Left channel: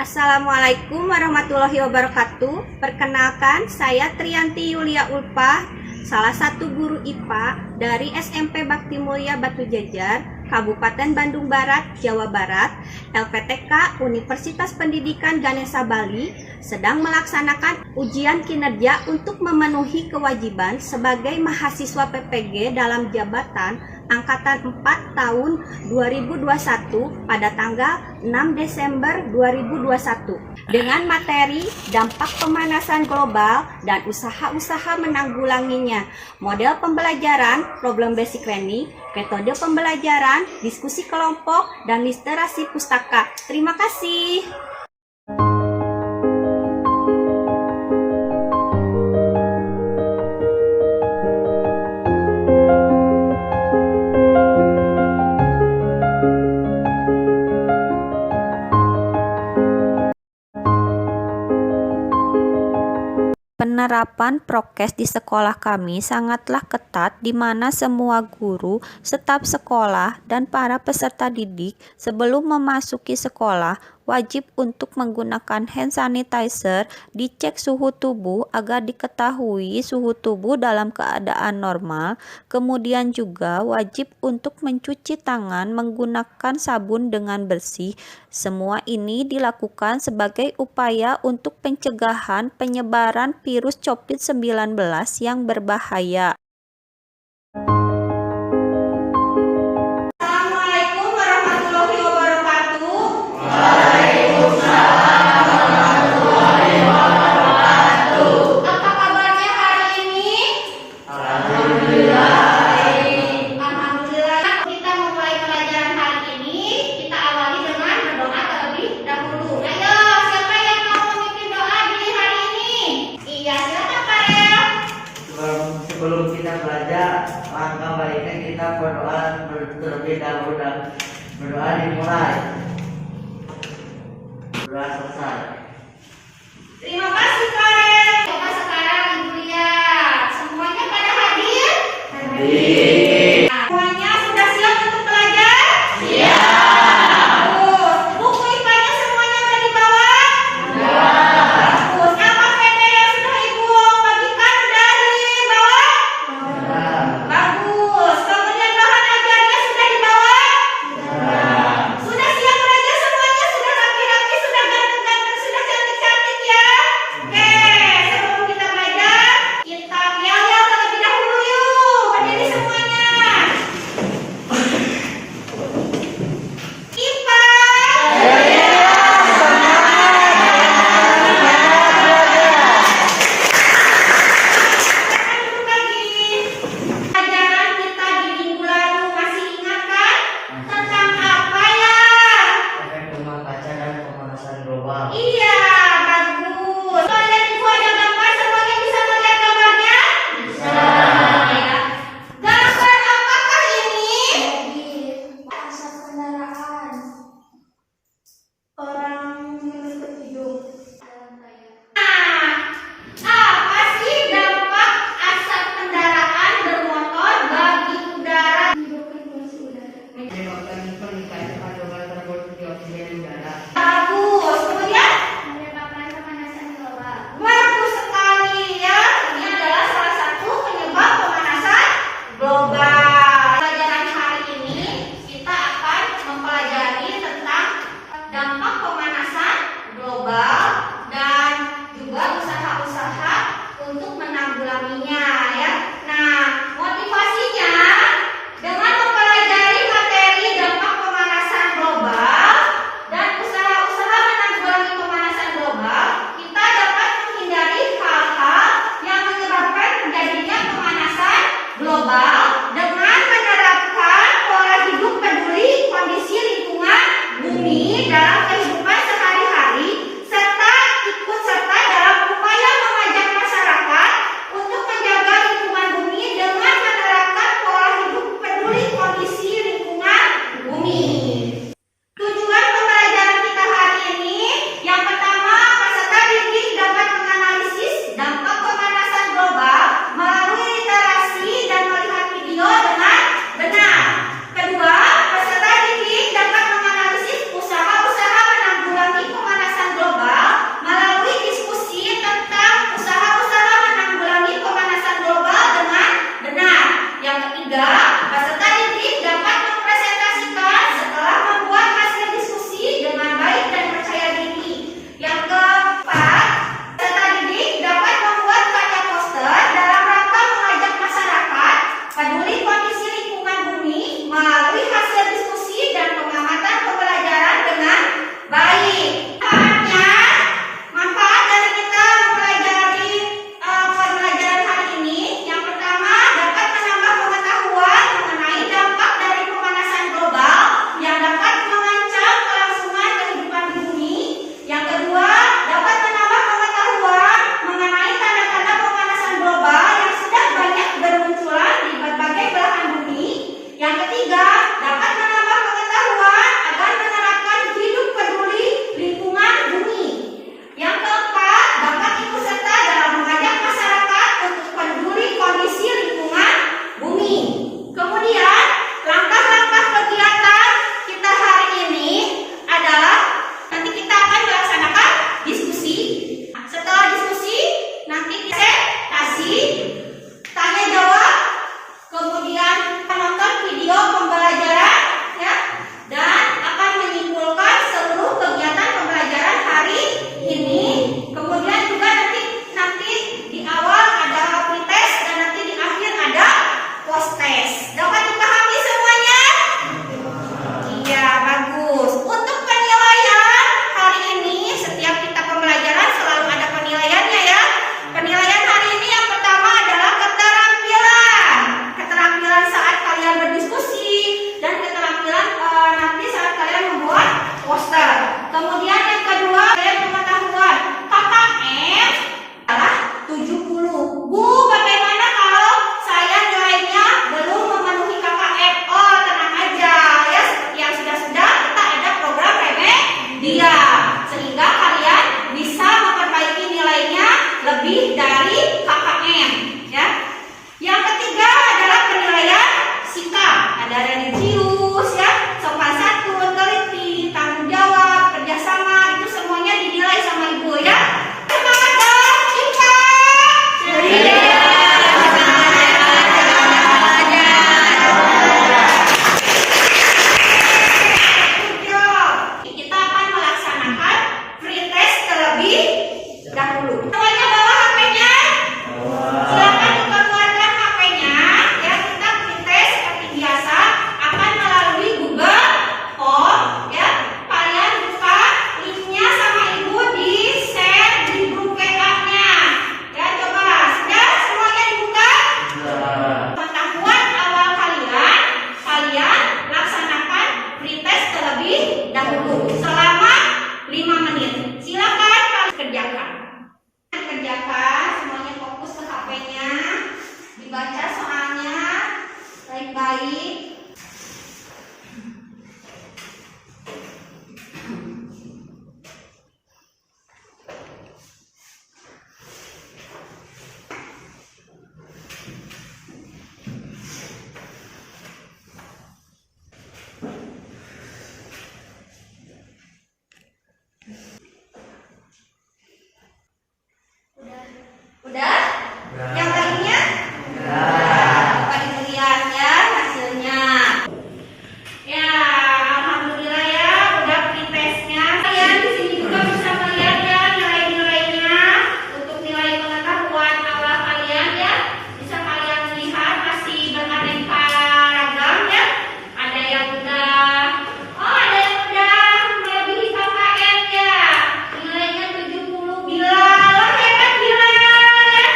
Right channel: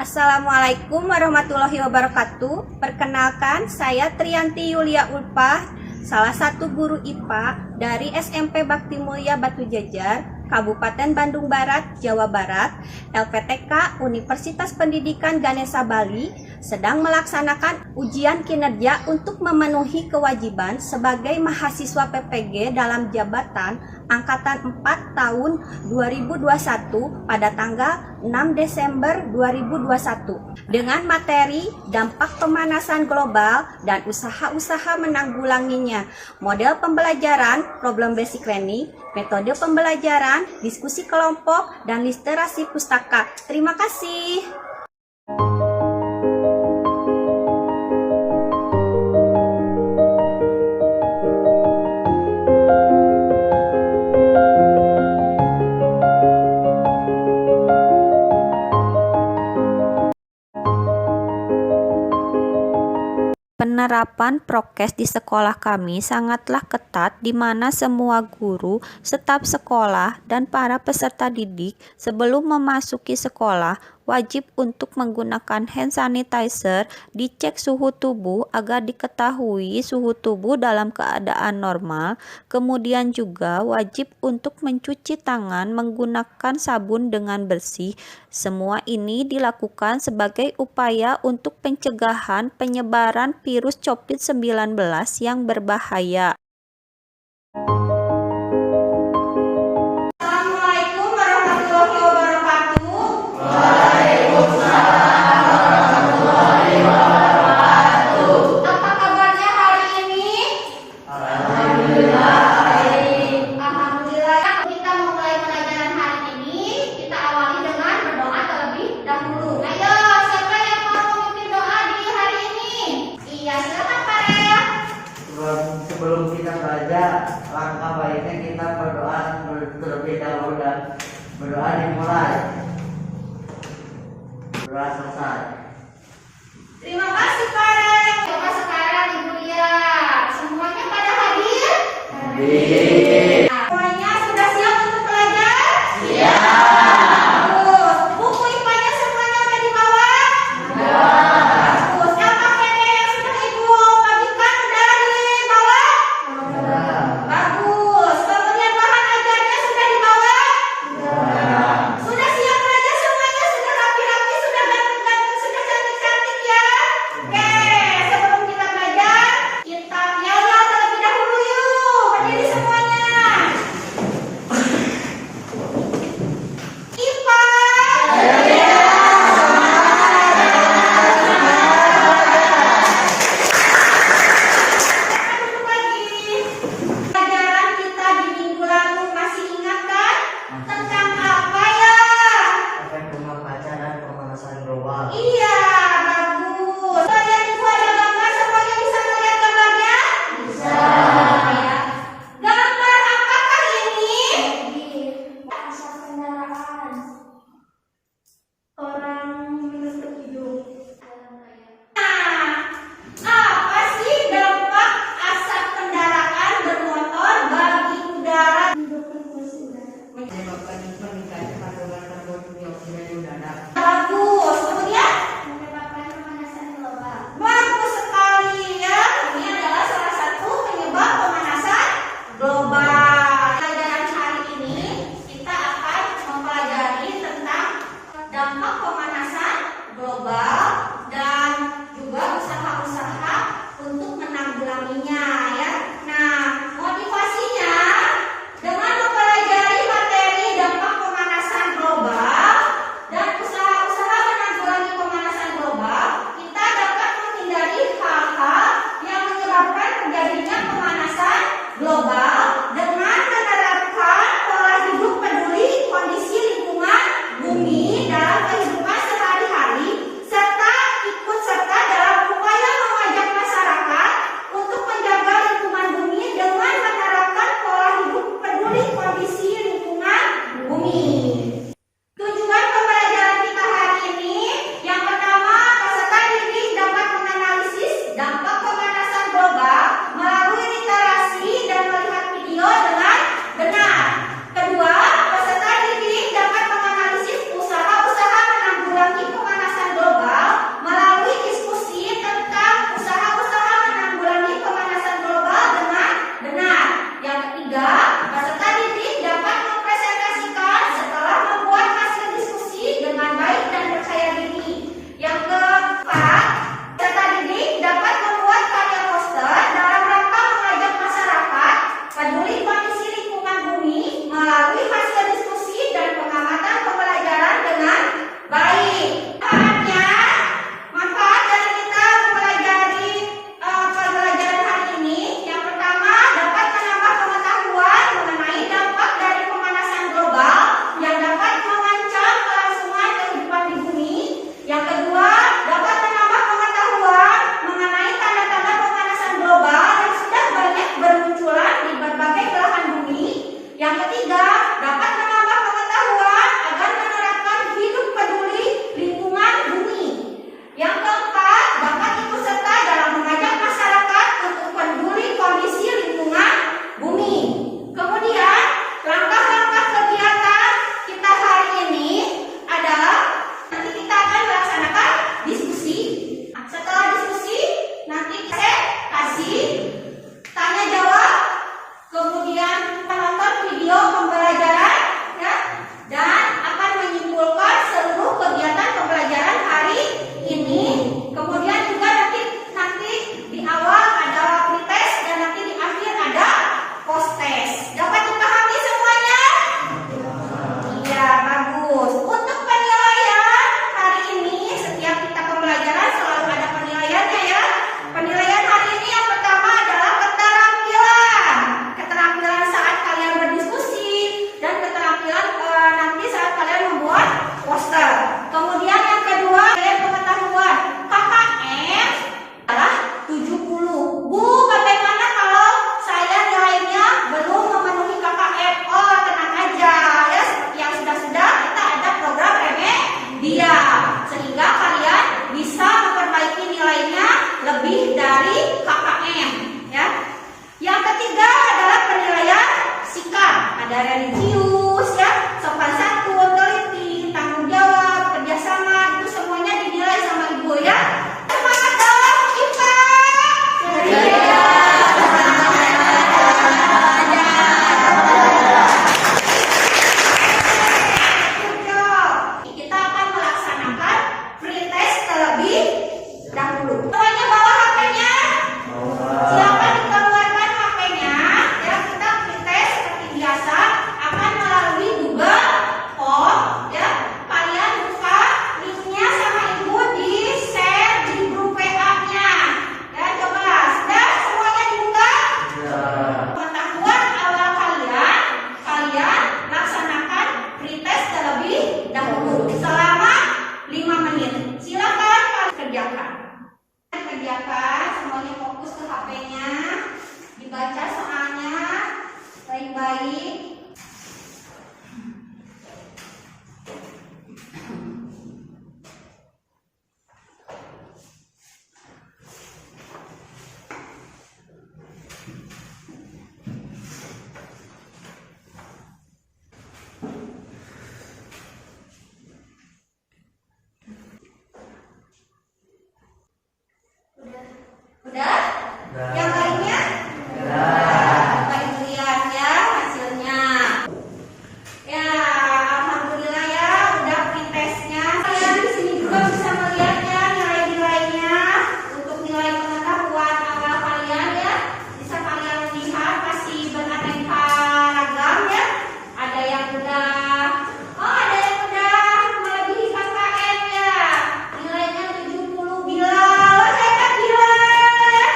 Assalamualaikum warahmatullahi wabarakatuh. Perkenalkan, saya Triyanti Yulia Ulpah, salah satu guru IPA dari SMP Bakti Mulia Batu Jajar, Kabupaten Bandung Barat, Jawa Barat. LPTK Universitas Pendidikan Ganesha Bali sedang melaksanakan ujian kinerja untuk memenuhi kewajiban sebagai mahasiswa PPG dalam jabatan Angkatan 4 tahun 2021 pada tanggal 6 Desember 2021 dengan materi dampak pemanasan global dan usaha-usaha menanggulanginya, model pembelajaran, problem basic learning, metode pembelajaran, diskusi kelompok, dan literasi pustaka. Terima kasih. Penerapan prokes di sekolah kami sangatlah ketat, di mana semua guru, staf sekolah, dan para peserta didik sebelum memasuki sekolah wajib untuk menggunakan hand sanitizer, dicek suhu tubuh agar diketahui suhu tubuh dalam keadaan normal, kemudian juga wajib untuk mencuci tangan menggunakan sabun dengan bersih. Semua ini dilakukan sebagai upaya untuk pencegahan penyebaran virus COVID-19 yang berbahaya. Assalamualaikum warahmatullahi wabarakatuh. Apa kabarnya hari ini? Alhamdulillah. Kita memulai pelajaran hari ini, kita awali dengan berdoa terlebih dahulu. Ayo, siapa yang mau memimpin doa di hari ini? Iya, silakan Pak Rel. Sebelum kita belajar, langkah baiknya kita berdoa terlebih dahulu dan berdoa dimulai. Berdoa selesai. Terima kasih Pak Rel. Coba sekarang Ibu lihat, semuanya pada hadir? Hadir. Semuanya sudah siap untuk belajar? Siap. Bagus. Buku IPA-nya semuanya udah dibawa? Bagus. LKPD yang sudah Ibu bagikan sudah dibawa? Bagus. Kemudian bahan ajarnya sudah dibawa? Sudah siap belajar semuanya? Sudah rapi-rapi? Sudah ganteng-ganteng? Sudah cantik-cantik ya? Oke, sebelum kita belajar, kita yel-yel terlebih dahulu yuk. Berdiri semuanya. IPA. Duduk lagi. Pelajaran kita di minggu lalu masih ingat kan? Tentang apa ya? Efek rumah kaca dan pemanasan global. Iya, bagus. Kalian ibu ada gambar, semuanya bisa melihat gambarnya? Bisa. Ya. Gambar apakah ini? Asap kendaraan. Orang menutup hidung. Nah, apa sih dampak asap kendaraan bermotor bagi udara? Menyebabkan peningkatan kandungan karbon dioksida di udara. Bagus. Kemudian? Menyebabkan pemanasan global. Bagus sekali ya. Ini adalah salah satu penyebab pemanasan global. Pelajaran hari ini kita akan mempelajari tentang dampak pemanasan global dan juga usaha-usaha untuk menanggulanginya ya. Nah, motivasinya dengan mempelajari materi dampak pemanasan global dan usaha-usaha menanggulangi pemanasan global, kita dapat menghindari hal-hal yang menyebabkan terjadinya pemanasan global dengan menerapkan pola hidup peduli kondisi lingkungan bumi dalam kehidupan sehari-hari serta Iya, sehingga kalian bisa memperbaiki nilainya lebih dari KKM, ya. Yang ketiga adalah penilaian sikap. Ada religius, ya, sopan santun, teliti, tanggung jawab, kerjasama, itu semuanya dinilai sama ibu, ya. Semangat dong, IPA. Ceria. Kita akan melaksanakan free test terlebih dahulu. Semuanya bawa HP-nya. Silakan dikeluarkan HP-nya. Ya, kita free test seperti biasa akan melalui Google Form. Ya, kalian buka linknya sama ibu di share di grup WA-nya. Ya, coba sudah semuanya dibuka. Pengetahuan awal kalian laksanakan free test terlebih dahulu selama 5 menit. Silakan kalian kerjakan. Kerjakan, semuanya fokus ke HP-nya. Dibaca soalnya baik-baik. Udah? Yang lainnya? Coba dilihat ya hasilnya. Ya, alhamdulillah ya, udah free testnya. Kalian di sini juga bisa melihat ya nilai-nilainya untuk nilai pengetahuan awal kalian ya. Bisa kalian lihat masih beraneka ragam ya. Ada yang udah melebihi KKM ya. Nilainya 70 Bilal. Hebat Bilal ya.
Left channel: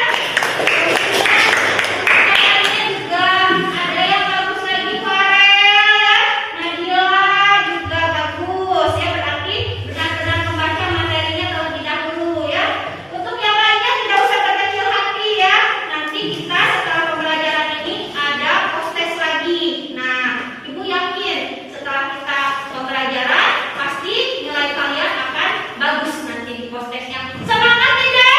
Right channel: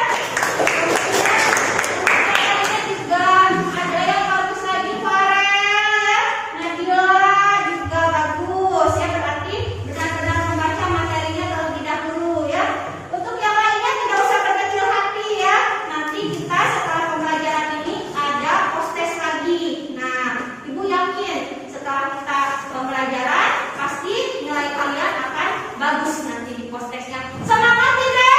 KKM-nya juga ada yang bagus lagi Farel ya. Nadila juga bagus ya, berarti benar-benar membaca materinya terlebih dahulu ya. Untuk yang lainnya tidak usah berkecil hati ya. Nanti kita setelah pembelajaran ini ada post test lagi. Nah, ibu yakin setelah kita pembelajaran pasti nilai kalian akan bagus nanti di post testnya. Semangat tidak?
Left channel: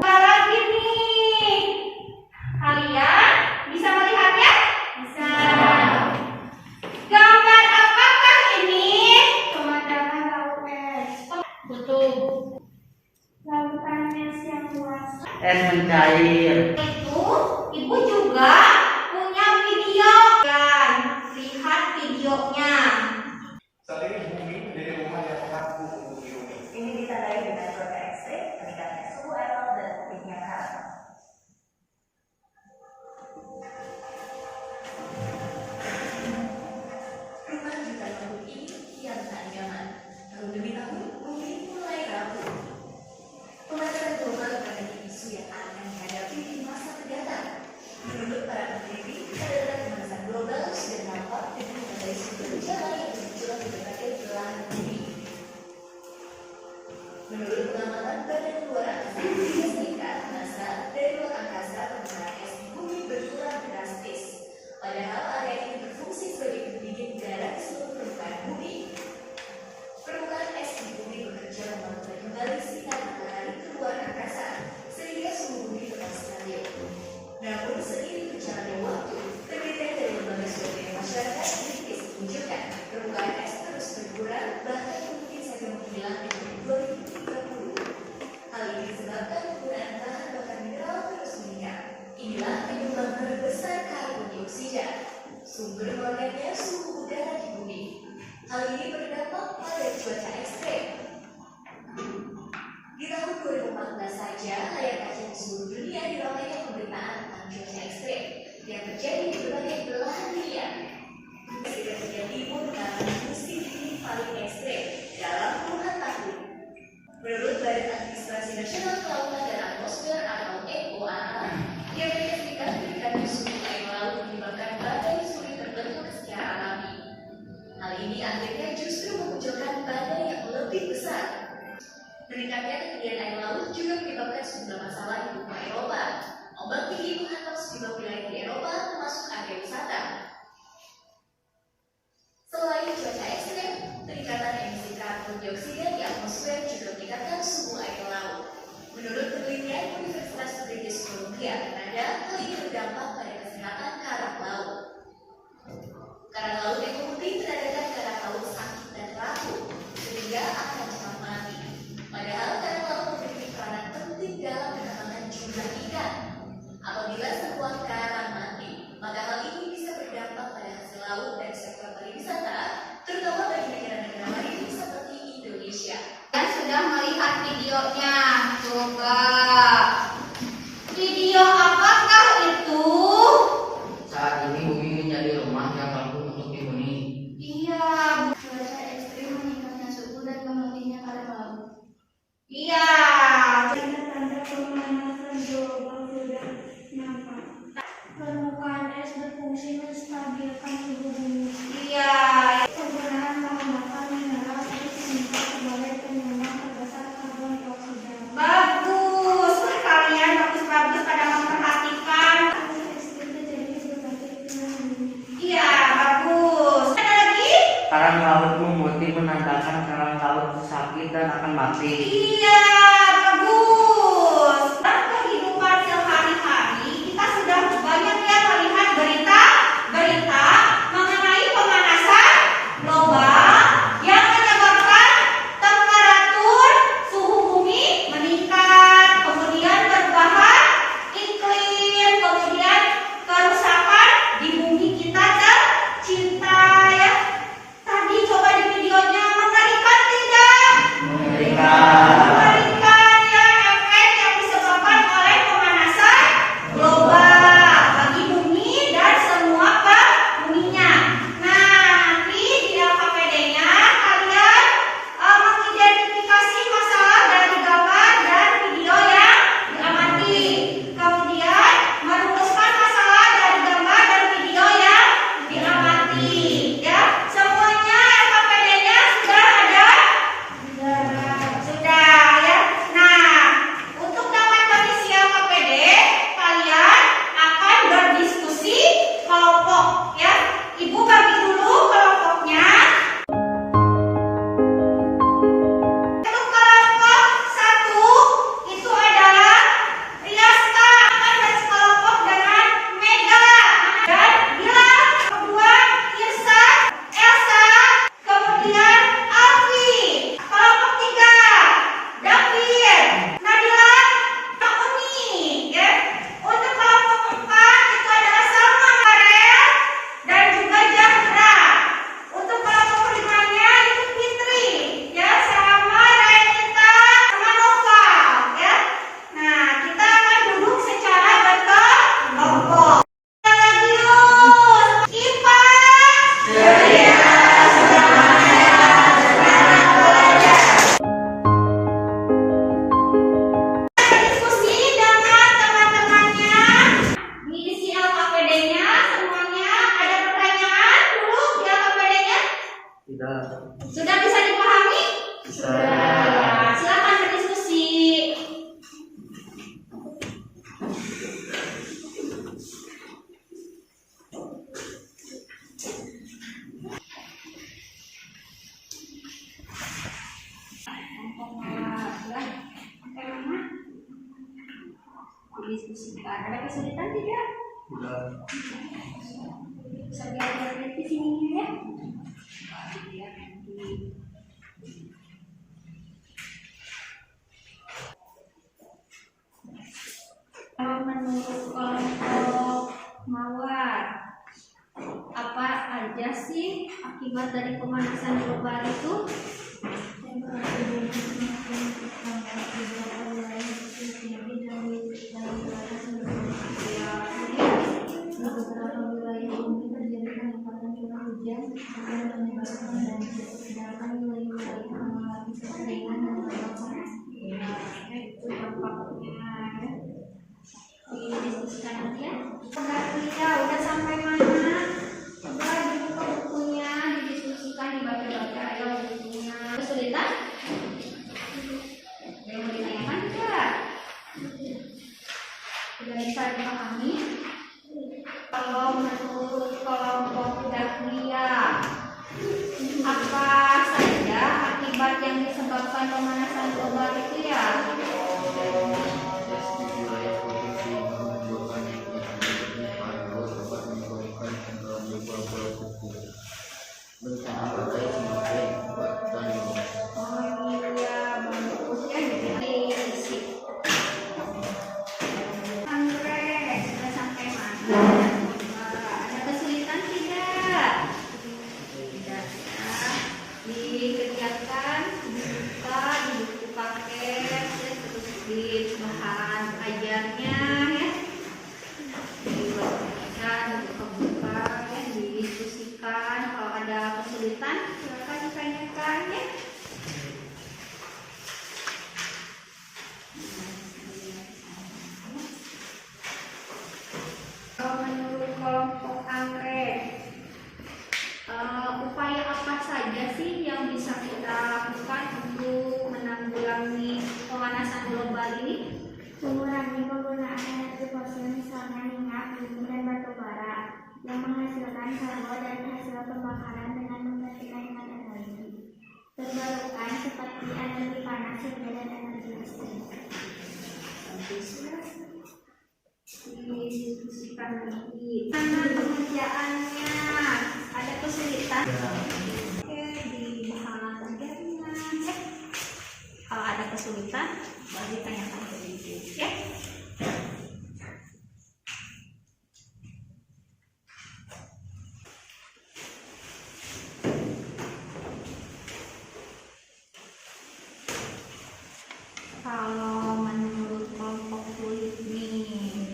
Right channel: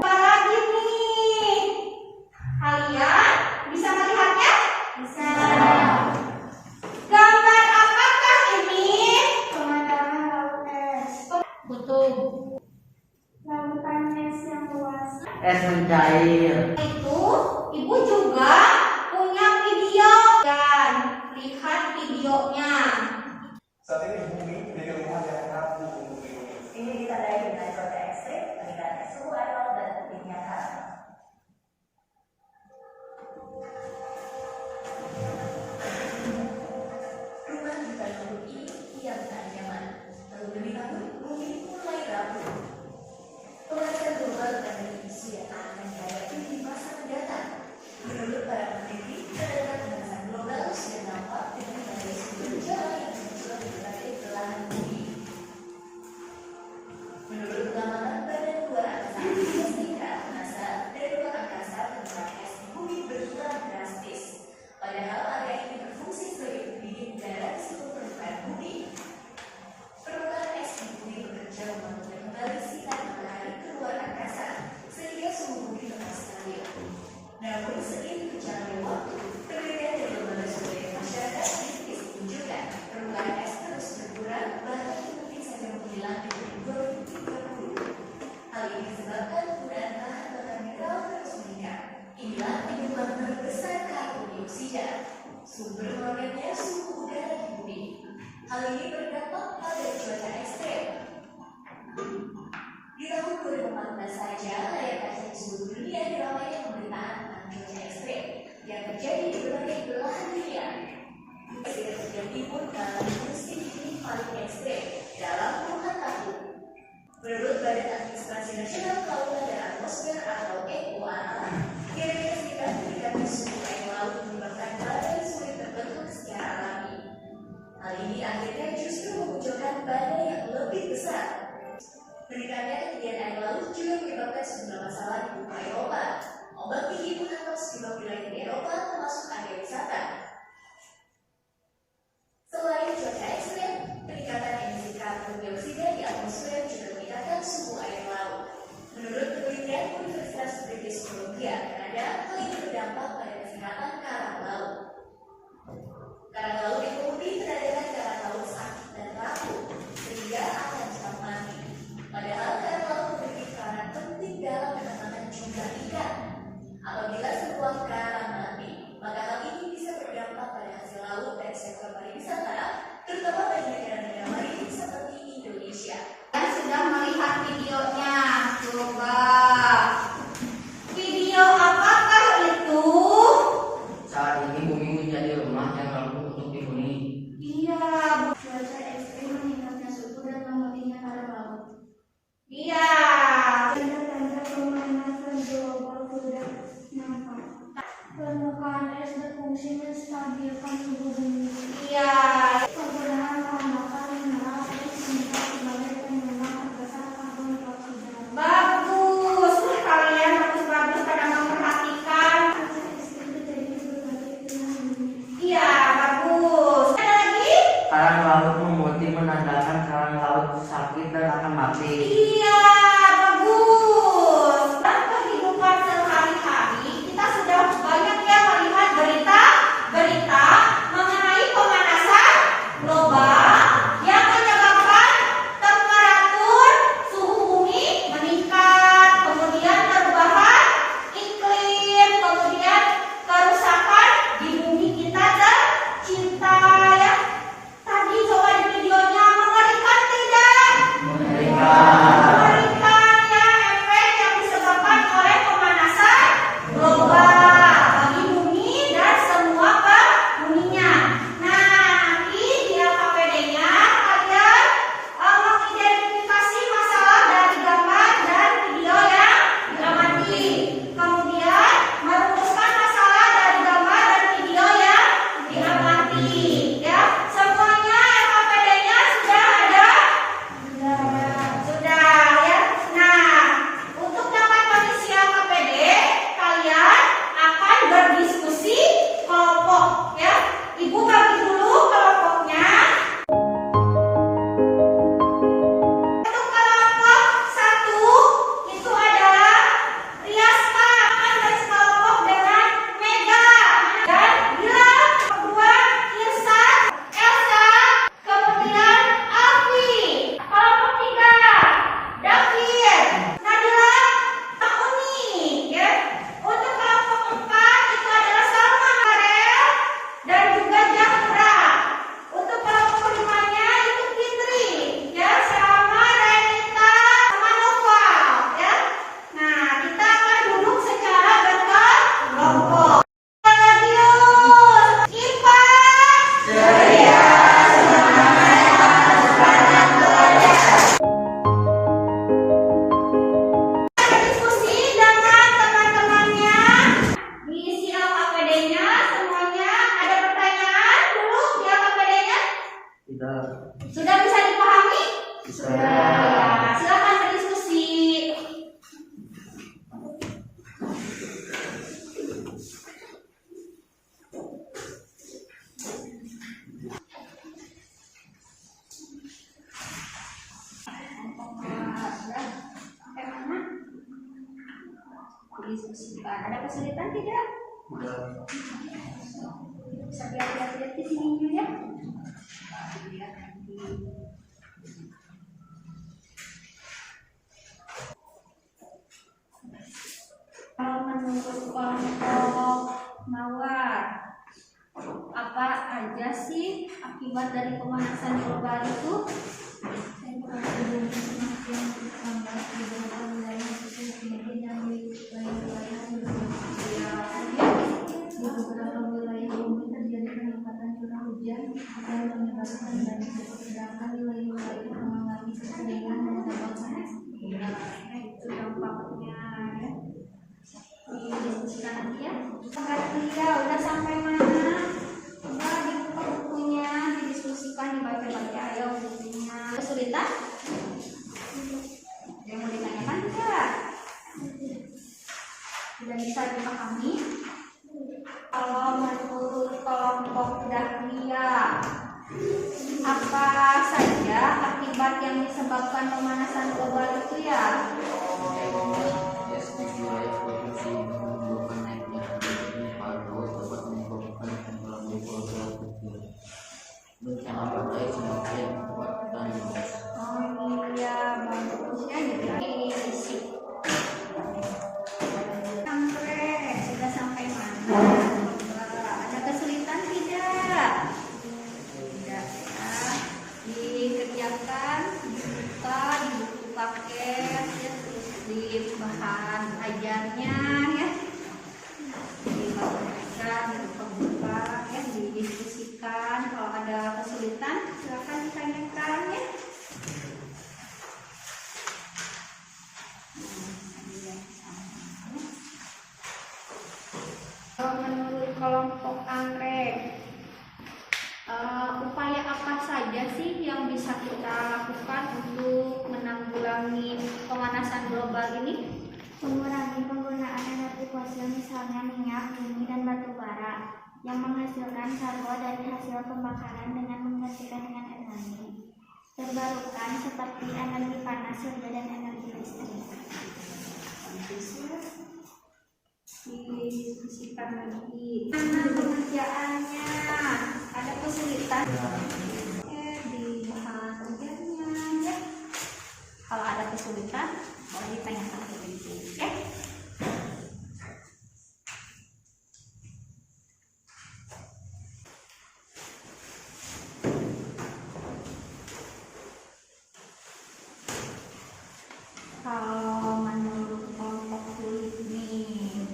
Lagi nih, kalian bisa melihatnya? Bisa. Gambar apakah ini? Pemandangan laut es. Betul. Lautan es yang luas. Es mencair. Itu ibu juga punya video kan, lihat videonya. Saat ini bumi menjadi rumah yang mengaku untuk dihuni. Ini ditandai dengan cuaca ekstrim, meningkatnya suhu air laut dan tingginya karang. Rumah jutaan tahun ini kian tak nyaman. Tahun demi tahun, bumi mulai rapuh. Pemanasan global akan menjadi isu yang akan dihadapi di masa mendatang. Menurut para peneliti, terdapat pemanasan global sudah nampak dengan berbagai sumber gejala yang muncul di berbagai belahan bumi. Menurut pengamatan Badan Luar Angkasa Amerika Serikat (NASA), dari luar angkasa permukaan es di bumi berkurang drastis. Padahal area ini berfungsi sebagai pendingin udara di seluruh permukaan bumi. Permukaan es di bumi bekerja memantulkan kembali sinar matahari ke luar angkasa, sehingga suhu bumi tetap stabil. Namun seiring berjalannya waktu, penelitian dari lembaga survei masyarakat kritis menunjukkan permukaan es terus berkurang, bahkan mungkin saja menghilang di tahun 2030. Hal ini disebabkan penggunaan bahan bakar mineral terus meningkat. Inilah penyumbang terbesar karbon dioksida, sumber melonjaknya suhu udara di bumi. Hal ini berdampak pada cuaca ekstrem. Di tahun 2014 saja, layar kaca di seluruh dunia diramaikan pemberitaan tentang cuaca ekstrem yang terjadi di berbagai belahan dunia. Presiden terjadi pun mengalami musim dingin paling ekstrem dalam puluhan tahun. Menurut Badan Administrasi Nasional Kelautan dan Atmosfer atau NOAA, di Amerika Serikat meningkatnya suhu air laut menyebabkan badai sulit terbentuk secara alami. Hal ini akhirnya justru memunculkan badai yang lebih besar. Meningkatnya ketinggian air laut juga menyebabkan sejumlah masalah di benua Eropa. Ombak tinggi menghantam sejumlah wilayah di Eropa, termasuk area wisata. Selain cuaca ekstrem, peningkatan emisi karbon dioksida di atmosfer juga meningkatkan suhu air laut. Menurut penelitian Universitas British Columbia, Kanada, hal ini berdampak pada kesehatan karang laut. Karang laut yang memutih menandakan karang laut sakit dan rapuh, sehingga akan cepat mati. Padahal karang laut memiliki peran penting dalam penambahan jumlah ikan. Apabila sebuah karang mati, maka hal ini bisa berdampak pada hasil laut dan sektor pariwisata, terutama bagi negara-negara maritim seperti Indonesia. Kalian sudah melihat videonya, coba. Video apakah itu? Saat ini bumi menjadi rumah yang mampu untuk dihuni. Iya, Cuaca ekstrim meningkatnya suhu dan memutihnya karang laut. iya. Tanda-tanda pemanasan global sudah nampak. Permukaan es berfungsi menstabilkan suhu bumi. Iya. Penggunaan bahan bakar mineral es bisa sebagai penyumbang terbesar karbon dioksida. Bagus. Kalian bagus-bagus pada memperhatikan. Cuaca ekstrim terjadi di berbagai belahan dunia. Iya, bagus. Ada lagi? Karang laut memutih menandakan karang laut sakit dan akan mati. Iya, bagus. Dalam kehidupan sehari-hari, kita sudah banyak ya melihat berita mengenai pemanasan global yang menyebabkan temperatur suhu bumi meningkat, kemudian perubahan iklim, kemudian kerusakan di bumi kita tercinta ya. Tadi coba di videonya mengerikan tidak? Mengerikan ya, efek yang disebabkan oleh pemanasan global bagi bumi dan semua penghuninya. Nah, nanti di LKPD-nya kalian mengidentifikasi masalah dari gambar dan video yang diamati. Kemudian merumuskan masalah dari gambar dan video yang diamati. Ya, semuanya LKPD-nya sudah ada? Sudah ya. Nah, untuk dapat mengisi LKPD, kalian akan berdiskusi kelompok ya. Ibu bagi dulu kelompoknya. Untuk kelompok 1 itu adalah Riaska dan sekelompok dengan Mega dan Gilang, kedua Irsa, Elsa, kemudian Alfi. Kelompok 3 David, Nadila, Uni ya. Untuk kelompok 4 itu adalah Salma, Farel, dan juga Jahra. Untuk kelompok 5-nya itu Fitri ya, sama Renita sama Nova ya. Nah, kita akan duduk secara berkelompok. Religius, IPA, diskusi dengan teman-temannya, diisi LKPD-nya semuanya. Ada pertanyaan dulu di LKPD-nya? Tidak. Sudah bisa dipahami? Sudah. Ya, silakan berdiskusi. Ya, sampai mana? Didiskusikan. Ada kesulitan tidak? Tidak. Bisa lihat di sini dulu ya. Lihat nanti. Kalau menurut kelompok Mawar, apa aja sih akibat dari pemanasan global itu? Temperatur bumi semakin menghangat di beberapa wilayah khusus tinggi dan di lain wilayah cenderung Kemudian di beberapa wilayah bumi terjadi peningkatan curah hujan dan menyebabkan banjir, sedangkan wilayah-wilayah mengalami kekeringan dan tambah panas. ya, itu dampaknya ya. Didiskusikan nanti ya. Udah sampai mana? Coba dibuka bukunya, didiskusikan, dibaca-baca ya bukunya. penanggulangan pemanasan global itu ya? Tes di wilayah provinsi menimbulkan naiknya tinggi paru laut dapat menyebabkan tenggelamnya pulau-pulau kecil. Bencana badai semakin kuat dan luas. Oh iya, bagus ya, jadi isi. Anggrek sudah sampai mana? Ada kesulitan tidak? Tidak. Nah, dikerjakan, dibuka, di buku paket, ya, terus di bahan ajarnya ya. Dibacakan, dibuka-buka, ya, didiskusikan. Kalau ada kesulitan, silakan ditanyakan ya. Menurut kelompok anggrek, upaya apa saja sih yang bisa kita lakukan untuk menanggulangi pemanasan global ini? Mengurangi penggunaan energi fosil misalnya minyak, bumi, dan batu bara yang menghasilkan karbon dari hasil pembakaran dengan menggantikan dengan energi terbarukan seperti energi panas, surya, dan energi listrik. Didiskusikan lagi. Mana pengerjaannya? Ada kesulitan? Oke, dibahas ajarnya ya. Kalau ada kesulitan, baru ditanyakan ke ibu ya. Kalau menurut kelompok kulit nih,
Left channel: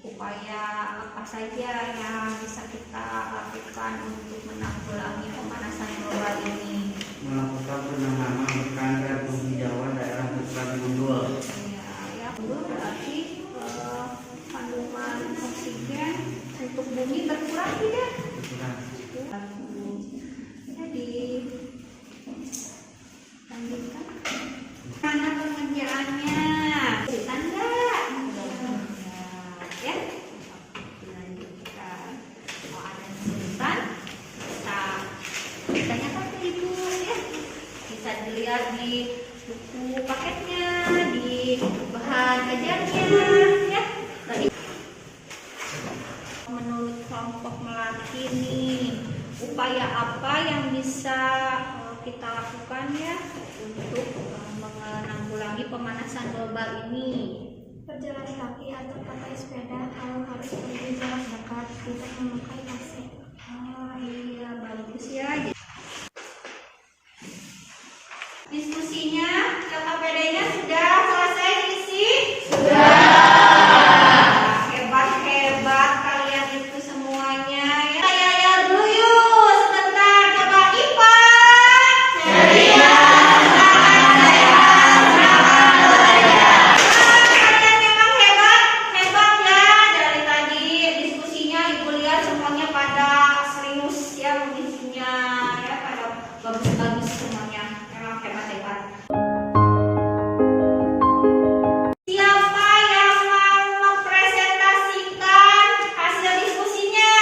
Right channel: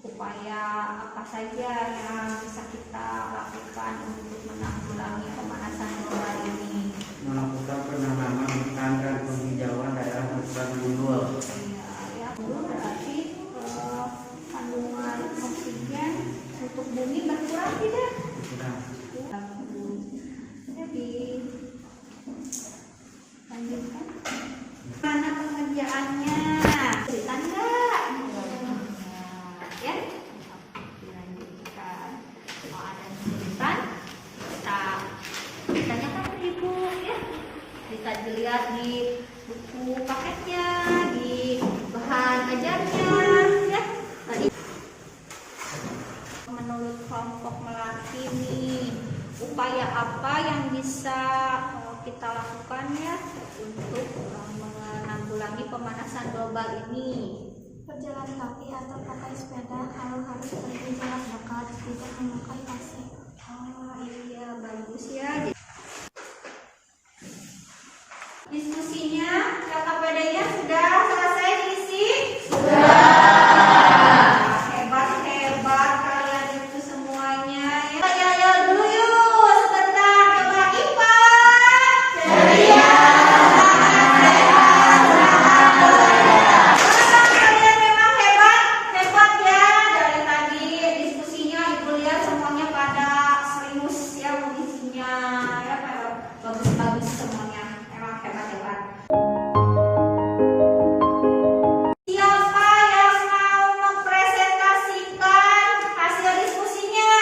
upaya apa saja yang bisa kita lakukan untuk menanggulangi pemanasan global ini? Melakukan penanaman ikan dan penghijauan daerah hutan gundul. Ya, belum berarti kandungan oksigen untuk bumi berkurang tidak? Sudah. Jadi lanjutkan. Mana pengerjaannya? Cerita enggak? Ya, dilanjutkan. Kalau ada kesulitan, kita tanyakan ke ibu ya. Bisa dilihat di buku paketnya, di bahan ajarnya ya. Tadi menurut kelompok Melati nih, upaya apa yang bisa kita lakukan ya untuk menanggulangi pemanasan global ini? Berjalan kaki atau pakai sepeda kalau harus pergi jarak dekat, tidak memakai AC. Oh iya, bagus ya. Diskusinya, KKPD-nya sudah selesai diisi? Hebat kalian itu semuanya ya. Saya yel dulu yuk sebentar, coba IPA. Kalian memang hebat ya. Dari tadi diskusinya ibu lihat semuanya pada serius ya mengisinya ya, pada bagus-bagus semuanya. Memang hebat. Siapa yang mau mempresentasikan hasil diskusinya?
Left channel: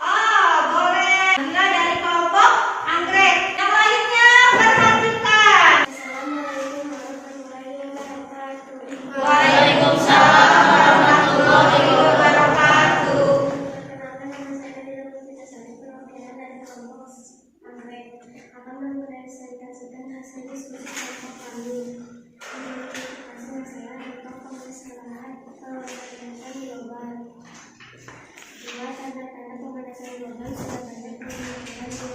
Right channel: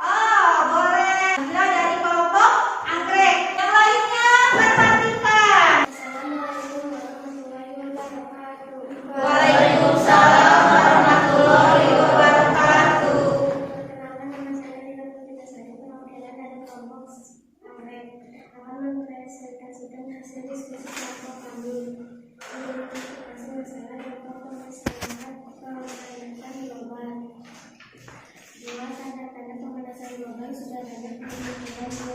Oh, boleh. Bila dari kelompok anggrek. Yang lainnya perhatikan. Assalamualaikum warahmatullahi wabarakatuh. Waalaikumsalam warahmatullahi wabarakatuh. Perkenalkan, nama saya Ria Puspitasari, perwakilan dari kelompok anggrek, akan mempresentasikan hasil diskusi kelompok kami. Identifikasi masalah tentang pemanasan global. 2. Tanda-tanda pemanasan global sudah banyak dimunculkan di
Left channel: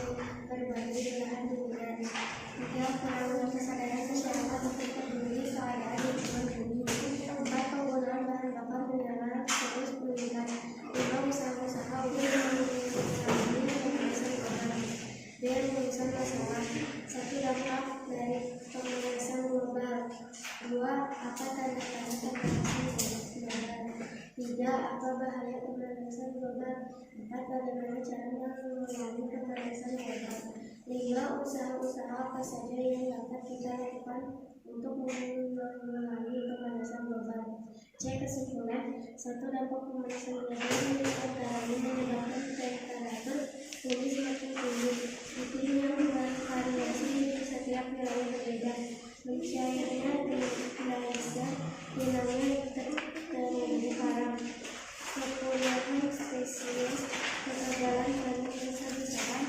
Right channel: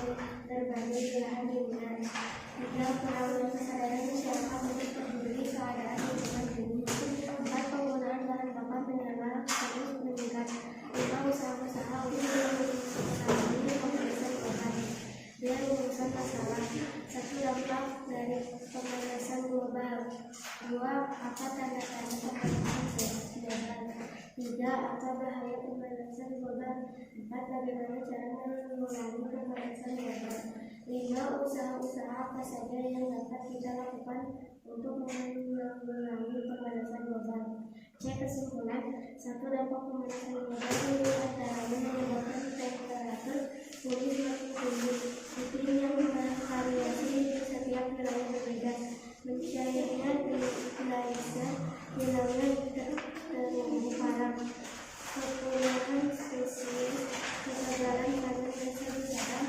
berbagai belahan dunia. 3. Kurangnya kesadaran masyarakat untuk peduli keadaan lingkungan bumi. 4. Penggunaan bahan bakar mineral terus meningkat. 5. Usaha-usaha untuk mengurangi pemanasan global. Dengan menyusun masalah. 1. Dampak dari pemanasan global. 2. Apa tanda-tanda pemanasan global? 3. Apa bahaya pemanasan global? 4. Bagaimana cara mengurangi pemanasan global? 5. Usaha-usaha apa saja yang dapat kita lakukan untuk mengurangi pemanasan global? C. Kesimpulan. 1. Dampak pemanasan global diantaranya menyebabkan temperatur bumi semakin tinggi. Iklim yang bervariasi di setiap wilayah berbeda. Mencairnya geyser dinamnya terumbu karang. Kepunyahan spesies, ketebalan tanah besar-besaran,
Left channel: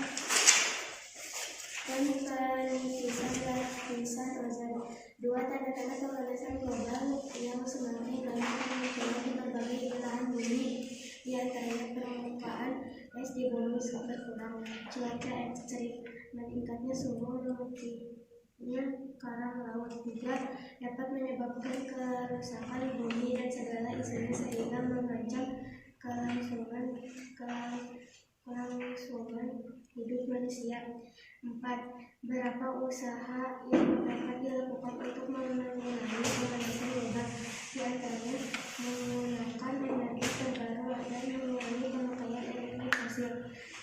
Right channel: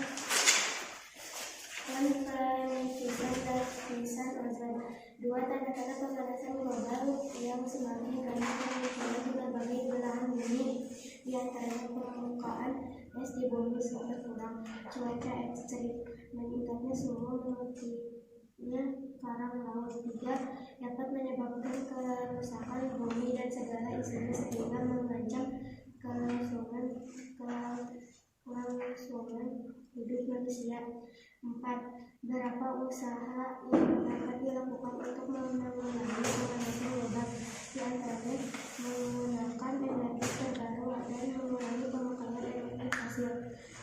dan penipisan lapisan ozon. Dua tanda-tanda pemanasan global yang semakin banyak bermunculan di berbagai belahan bumi, di antaranya permukaan es di bumi berkurang, cuaca ekstrim, meningkatnya suhu, memutinya karang laut. Juga dapat menyebabkan kerusakan bumi dan segala isinya sehingga mengancam kelangsungan hidup manusia. 4. Berapa usaha yang dapat dilakukan untuk menanggulangi pemanasan global, di antaranya menggunakan energi terbaru dan mengurangi pemakaian energi fosil,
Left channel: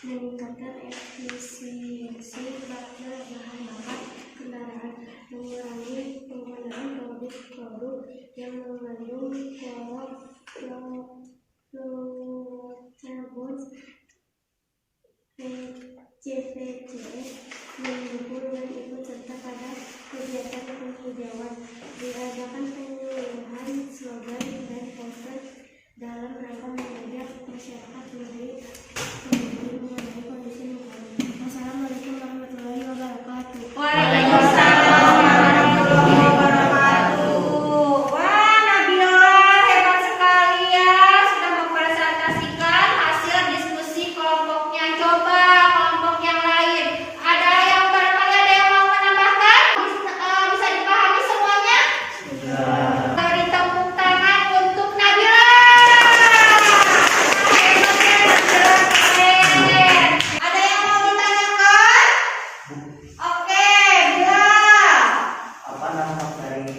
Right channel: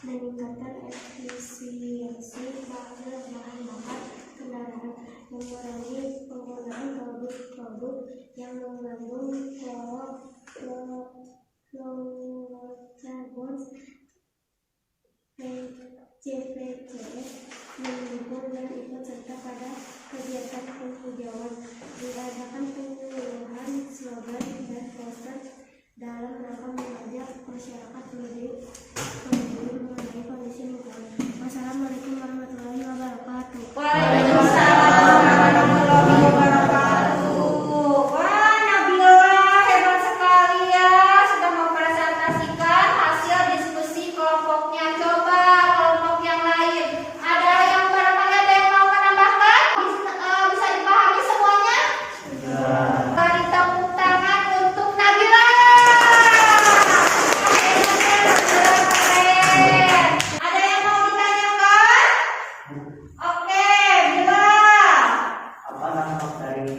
meningkatkan efisiensi bahan bakar kendaraan, mengurangi penggunaan produk-produk yang mengandung fluorocarbon, CPCS, mendukung yang ikut serta pada kegiatan penghijauan. Diadakan penyuluhan, slogan, dan poster dalam rangka mengajak masyarakat lebih peduli mengenai kondisi lingkungan. Wassalamualaikum warahmatullahi wabarakatuh. Waalaikumsalam warahmatullahi wabarakatuh. Wah, Nabila hebat sekali ya, sudah mempresentasikan hasil diskusi kelompoknya. Coba kelompok yang lain, ada yang barangkali ada yang mau menambahkan? Bisa dipahami semuanya? Beri tepuk tangan untuk Nabila. Keren. Ada yang mau ditanyakan? Oke, Bila. Apa dampak dari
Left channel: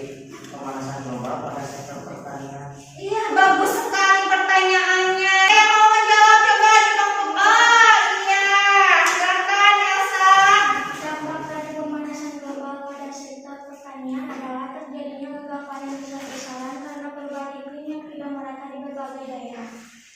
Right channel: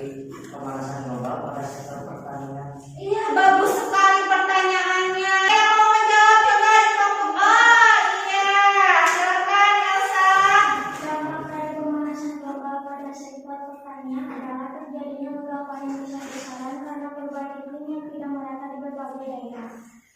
pemanasan global pada sektor pertanian? Iya, bagus sekali pertanyaannya. Yang mau menjawab coba di kelompok A. Iya, silakan Elsa. Dampak dari pemanasan global pada sektor pertanian adalah terjadinya gegapan yang besar-besaran karena perubahan iklim yang tidak merata di berbagai daerah.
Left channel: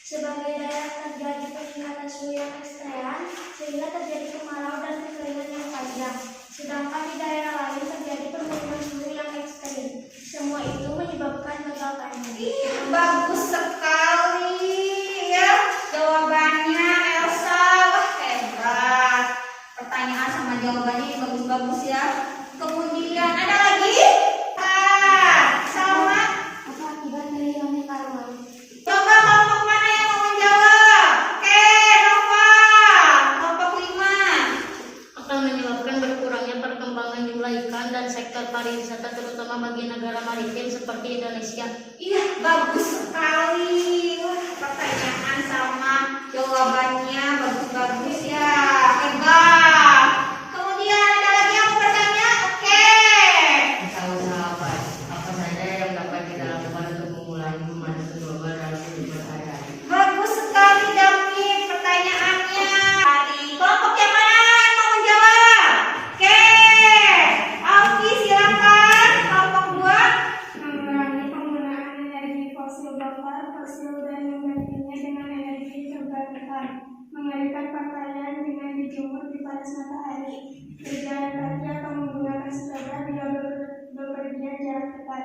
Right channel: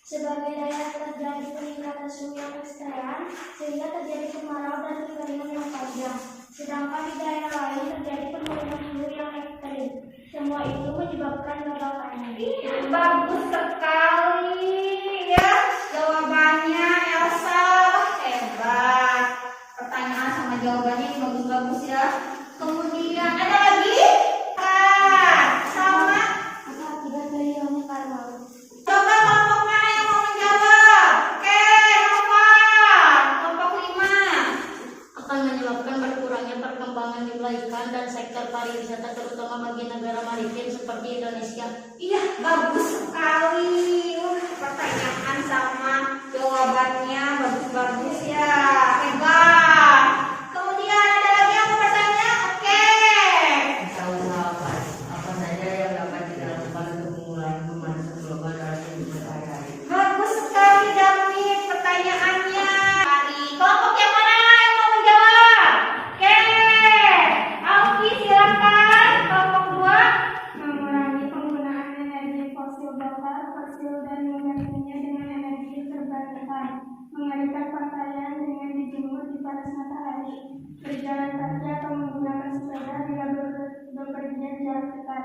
Sebagai daerah terjadi peningkatan suhu yang ekstrim sehingga terjadi kemarau dan kekeringan yang panjang. Sedangkan di daerah lain terjadi penurunan suhu yang ekstrim. Semua itu menyebabkan gagal panen. Iya, bagus sekali ya jawabannya Elsa. Wah, hebat. Pertanyaan sama jawabannya bagus-bagus ya. Kemudian ada lagi? Sama. Apa akibat dari hilangnya karang laut? Coba kelompok mana yang mau menjawab? Oke, Nova. Kelompok 5. Akan menyebabkan berkurangnya perkembangan jumlah ikan dan sektor pariwisata terutama bagi negara maritim seperti Indonesia. Iya, bagus sekali. Wah, pertanyaan sama jawabannya bagus-bagus ya. Hebat. Kemudian ada lagi yang mau bertanya? Oke. Usaha-usaha apa saja yang dapat kita lakukan untuk mengurangi pemanasan global dalam kehidupan sehari-hari? Bagus sekali David pertanyaannya. Dari kelompok yang mana yang mau menjawab? Oke. Alfi silakan. Kelompok 2. Mengurangi penggunaan energi fosil bakar dan menggantinya dengan energi terbarukan. Mengalihkan pakaian dengan dijemur di panas matahari. Berjalan kaki atau menggunakan sepeda bila bepergian jarak dekat.